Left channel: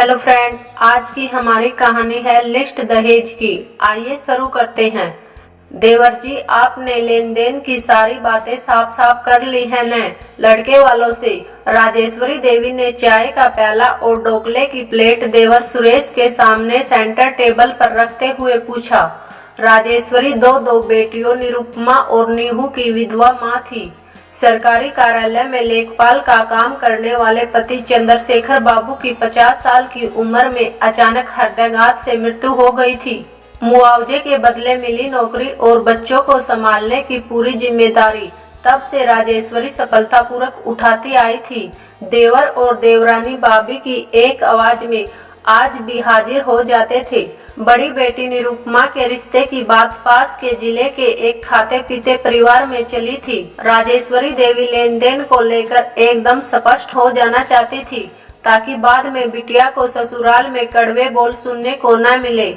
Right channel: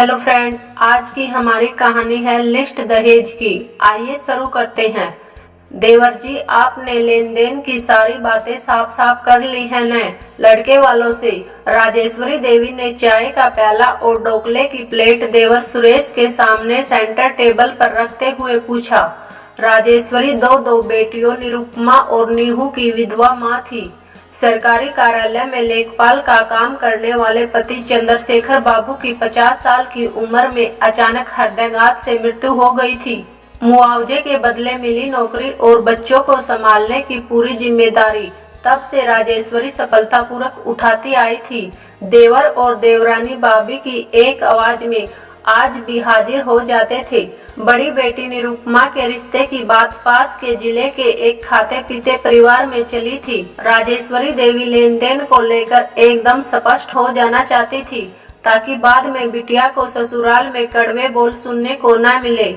Hello friend, आज की हमारी कहानी है लिस्ट दहेज की। आइए शुरू करते हैं। देवर जी, आपने लेन देन की सारी बातें साफ साफ कर ली है न लड़के वालों से? राजेश्वरी देवी ने चाय का प्याला और ढोकले की प्लेट देवर सुरेश के सामने सेंटर टेबल पर रखते हुए पूछा। राजेश्वरी दो बेटियों निरुपमा और नीहू की विधवा माँ थी। सरकारी कार्यालय में लेखपाल का काम करने वाले पति चंद्रशेखर बाबू की 50 साल की उम्र में अचानक हृदयाघात से मृत्यु हो गई थी। मुआवजे के बदले मिली नौकरी और बच्चों को संभालने की पूरी जिम्मेदारी तब से राजेश्वरी सफलतापूर्वक उठाती आई थी। देवर और देवरानी भाभी की एक आवाज में आज भी हाजिर हो जाते थे। बड़ी बेटी निरुपमा के रिश्ते की बात पास के जिले के एक खाते पीते परिवार में चली थी। राजेश्वरी देवी लेन देन को लेकर एकदम स्पष्ट हो जाना चाहती थी ताकि बाद में बिटिया को ससुराल में कड़वे बोल सुनने को न मिले।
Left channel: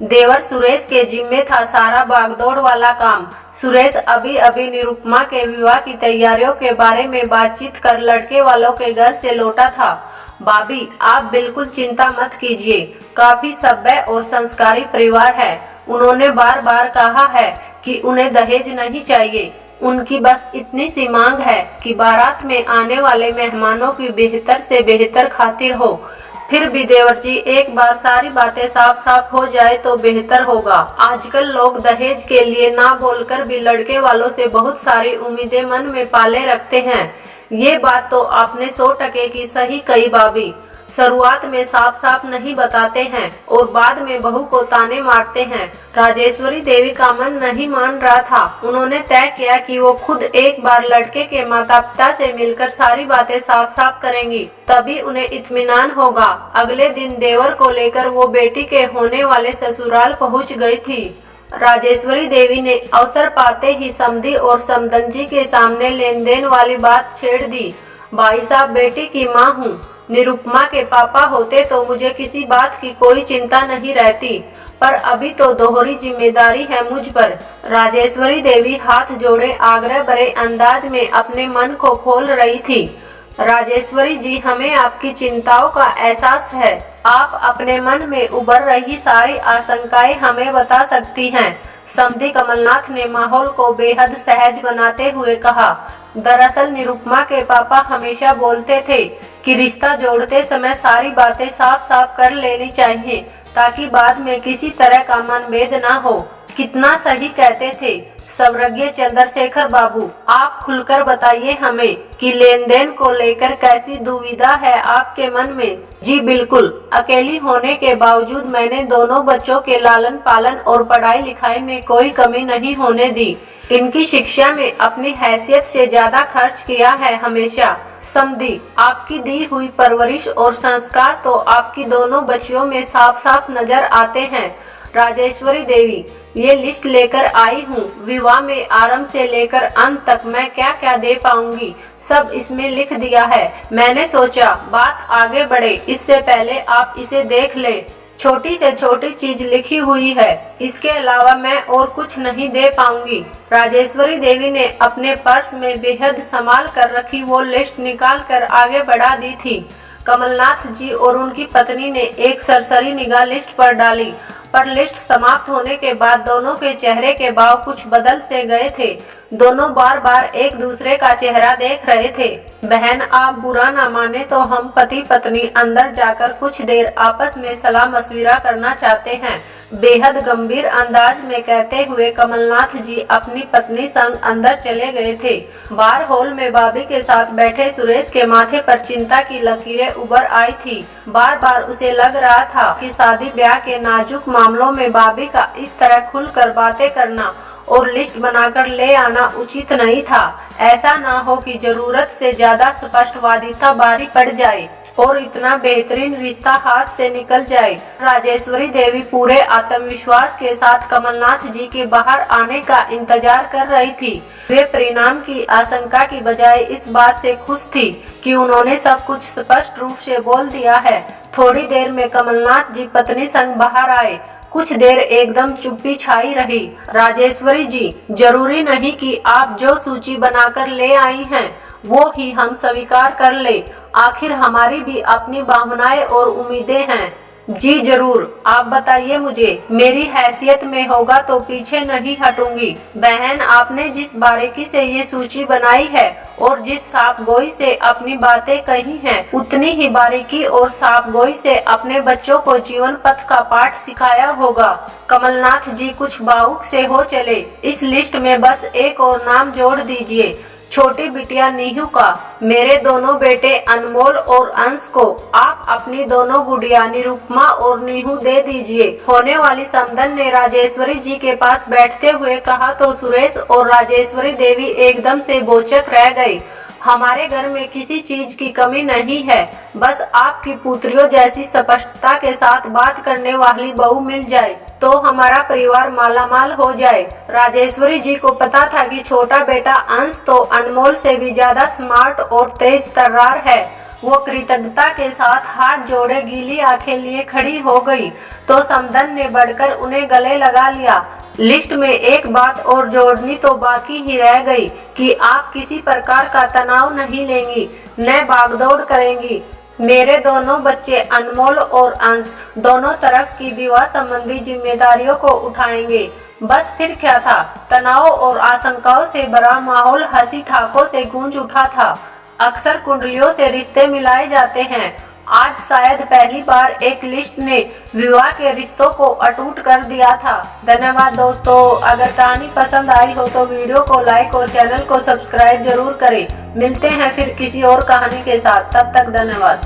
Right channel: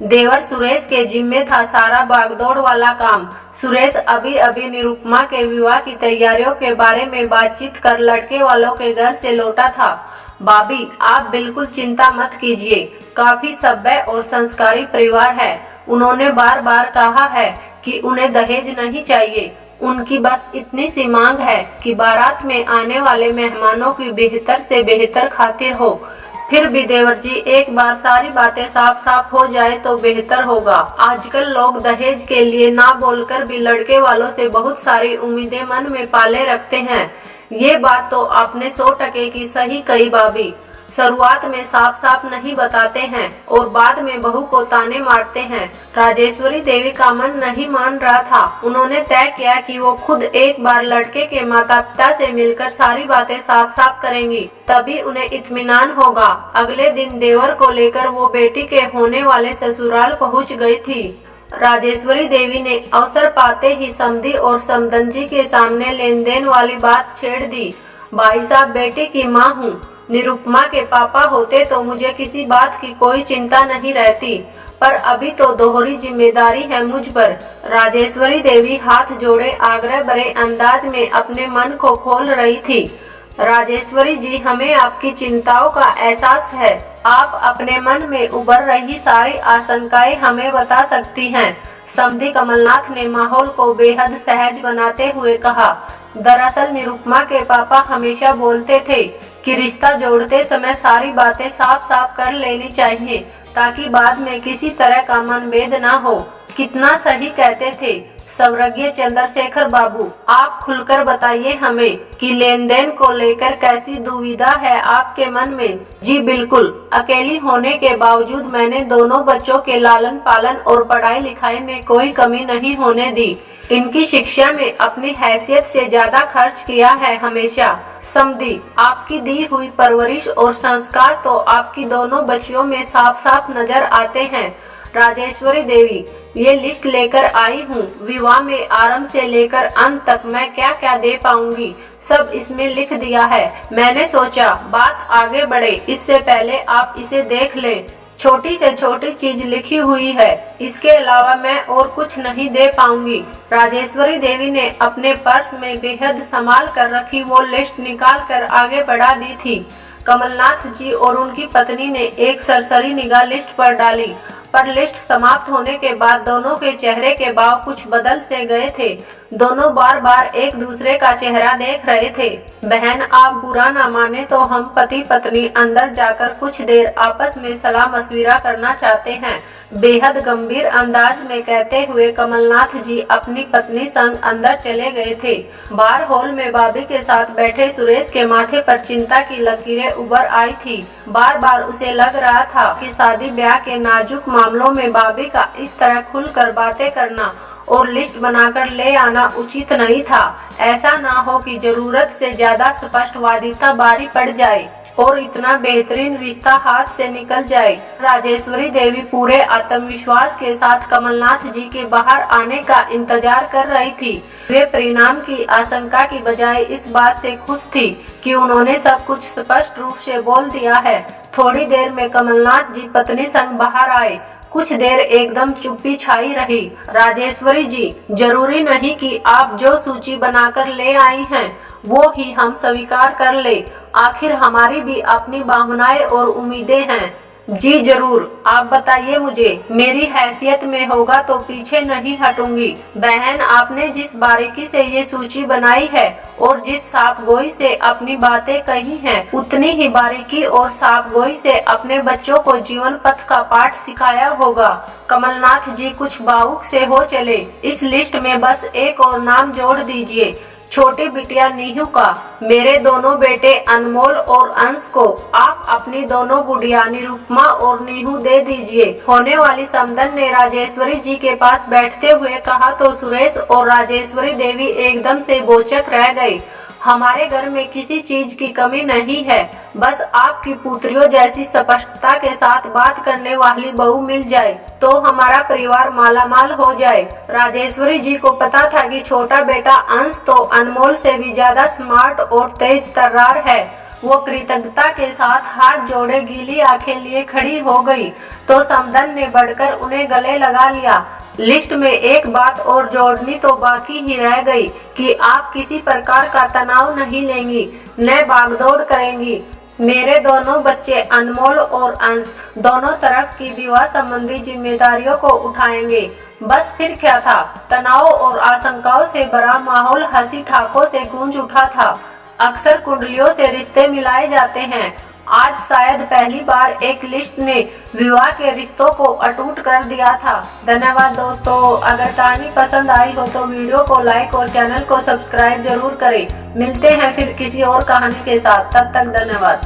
देवर सुरेश के जिम्मे था सारा भागदौड़ वाला काम। सुरेश अभी अभी निरुपमा के विवाह की तैयारियों के बारे में बातचीत कर लड़के वालों के घर से लौटा था। भाभी, आप बिल्कुल चिंता मत कीजिए, काफी सभ्य और संस्कारी परिवार है। उन्होंने बार बार कहा है कि उन्हें दहेज नहीं चाहिए। उनकी बस इतनी सी मांग है कि बारात में आने वाले मेहमानों की बेहतर से बेहतर खातिर हो। फिर भी देवर जी, एक बार सारी बातें साफ साफ हो जाए तो बेहतर होगा। आजकल लोग दहेज के लिए ना बोलकर भी लड़के वालों से बहुत सारी उम्मीदें मन में पाले रखते हैं। ये बात तो आपने 100% की सही कही भाभी। शुरुआत में साफ साफ नहीं बताते हैं और बाद में बहू को ताने मारते हैं। राजेश्वरी देवी का मन नहीं मान रहा था। उन्होंने तय किया कि वो खुद एक बार लड़के के माता पिता से मिलकर सारी बातें साफ साफ करेंगी, तभी उन्हें इत्मीनान होगा। अगले दिन देवर को लेकर वो बेटी के होने वाले ससुराल पहुंच गई थी। राजेश्वरी देवी ने अवसर पाते ही समधी और समधनजी के सामने लेन देन वाली बात छेड़ दी। भाई साहब, बेटी की माँ हूँ। निरुपमा के पापा होते तो मुझे किसी बात की कोई चिंता नहीं रहती, पर अभी तो दोहरी जिम्मेदारी है मुझ पर। राजेश्वरी देवी हाथ जोड़े आग्रह भरे अंदाज में अपने मन को खोल रही थी। राजेश्वरी जी, हमें आपकी चिंताओं का एहसास है। आप अपने मन में उभर रही सारी आशंकाएं हमें बता सकती हैं। समधी कमलनाथ ने माहौल को बेहद सहज बनाते हुए कहा। दरअसल निरुपमा के पापा हमेशा बोलते थे कि रिश्ता जोड़ते समय सारी बातें साफ साफ कर लेनी चाहिए ताकि बाद में किसी तरह का मनभेद ना हो। कितना सही कहते थे स्वर्गीय चंद्रशेखर बाबू। आप खुलकर बताइए हमें कि लेन देन को लेकर कैसी दुविधा है आपके मन में। जी बिल्कुल, अकेली होने के बावजूद मैंने दोनों बच्चों के लालन पालन और पढ़ाई लिखाई में कोई कमी नहीं होने दी। इनकी शिक्षा में अपनी हैसियत से ज्यादा खर्च किया है हमेशा। समधी, आपकी दी हुई परवरिश और संस्कार तो आपकी दोनों बच्चियों में साफ साफ नजर आते हैं। राजेश्वरी देवी, ये लिस्ट लेकर आई हूँ। विवाह में आरंभ से लेकर अंत तक मैं क्या क्या दे पाऊंगी सब इसमें लिख दिया है। मैंने सोचा बात आगे बढ़े इससे पहले आप इसे देख लें। छोटी से छोटी चीज लिखी हुई है, इसके अलावा मैं और कुछ नहीं दे पाऊंगी। राजेश्वरी देवी ने अपने पर्स में बेहद संभाल कर रखी वो लिस्ट निकाल कर आगे बढ़ा दी थी। कमलनाथ जी और उनकी पत्नी ने एक सरसरी निगाह लिस्ट पर डाली, पर लिस्ट समाप्त होने के बाद दोनों के चेहरे के भाव कुछ बदल से गए थे। दोनों बार बार एक दूसरे का चेहरा देख रहे थे। बहन, आप बुरा ना माने तो हम पति पत्नी अंदर जाकर कुछ देर आपस में सलाह मशविरा करना चाहते हैं। बेहद गंभीर अंदाज में कहते हुए कमलनाथ जी अपनी पत्नी संग अंदर चले गए थे। बार हॉल में भाभी के साथ बैठे सुरेश के माथे पर चिंता की लकीरें उभर आई थी। बार बार उसे लग रहा था कि शादी ब्याह के नाजुक मामलों में भाभी का इस तरह खुलकर बातें करना और लिस्ट बनाकर ले आना उचित नहीं था। ऐसा ना हो कि जरूरत से ज्यादा स्पष्टवादिता बारी पड़ जाए और इतना बेहतरीन रिश्ता हाथ से निकल जाए। राजेश्वरी देवी पूरे आत्मविश्वास के साथ कमलनाथ जी के बाहर आने का इंतजार कर रही थी। वे परिणाम की आशंका की बजाय इस बात से खुश थी कि उन्होंने सब कुछ स्पष्ट रूप से बोल दिया है। थोड़ी देर में कमलनाथ जी पत्नी संग बाहर आए। कुछ देर एकदम चुप्पी छाई रही। राजेश्वरी जी, जरूरी नहीं कि आप जो सूची बनाकर ले आई हैं वो ही हम स्वीकार कर ले। आखिर हमारी भी अपनी भावनाएं और उम्मीदें हैं। जी जरूर, आप बताइए मुझे, मेरी हैसियत में होगा तो पीछे नहीं हटूंगी। बहन, आपने जिस बारीकी से ये सूची बनाई है और जिस साफगोई से अपनी बातें कही हैं, उतनी ही बारीकी और साफगोई से अपने बच्चों को जीवन पथ का पाठ सिखाया होगा। कमलनाथ जी कुछ भावुक से हो चले। इस लिस्ट में बस एक और नाम जोड़ दीजिए, छोटी बिटिया नीहू का। मेरे दोनों बेटे अनमोल और अंश को आप अपनी दोनों गुड़िया निरुपमा और नीहू दे दीजिए। होने वाली समधन ने राजेश्वरी जी के पास बैठते हुए कहा तो सुरेश और राजेश्वरी देवी एकदम से बोचक रह गई। हमारे घर में किसी चीज की कमी नहीं है, बस आपकी पुत्रियों जैसी स्पष्टता के साथ बात करने वाली बहू मिल जाए तो हमारा परिवार मालामाल हो जाए। राजेश्वरी जी को पता था कि छोटा बेटा अंश तो अनमोल से भी ज्यादा स्मार्ट और तेज तर्रार है। वो कृतज्ञता के साथ हाथ जोड़े गीली आंखें लिए खड़ी हो गई तो समधन ने बढ़कर उन्हें गले लगा लिया। लिस्ट में एक बात और जोड़नी तो बाकी ही रह गई कि आप किसी प्रकार का तनाव नहीं लेंगी, न भागदौड़ करेंगी। मेरे दोनों बच्चे अनमोल और अंश दोनों तरफ की विवाह संबंधी जिम्मेदारियों को उठाएंगे। बस फिर क्या था, तनाव और आशंकाओं से भरा माहौल हंसी ठाकों से गूंज उठा था। अक्सर कुंडलियों से रिश्ते मिलाए जाते हैं, आज शायद पहली बार एक लिस्ट ने विवाह के रिश्तों को अटूट कर दिया था। धन्यवाद दोस्तों, अगर कहानी पसंद आई हो तो वीडियो को लाइक और चैनल को सब्सक्राइब जरूर करें। मिलते हैं फिर किसी और कहानी के साथ, तब तक धन्यवाद।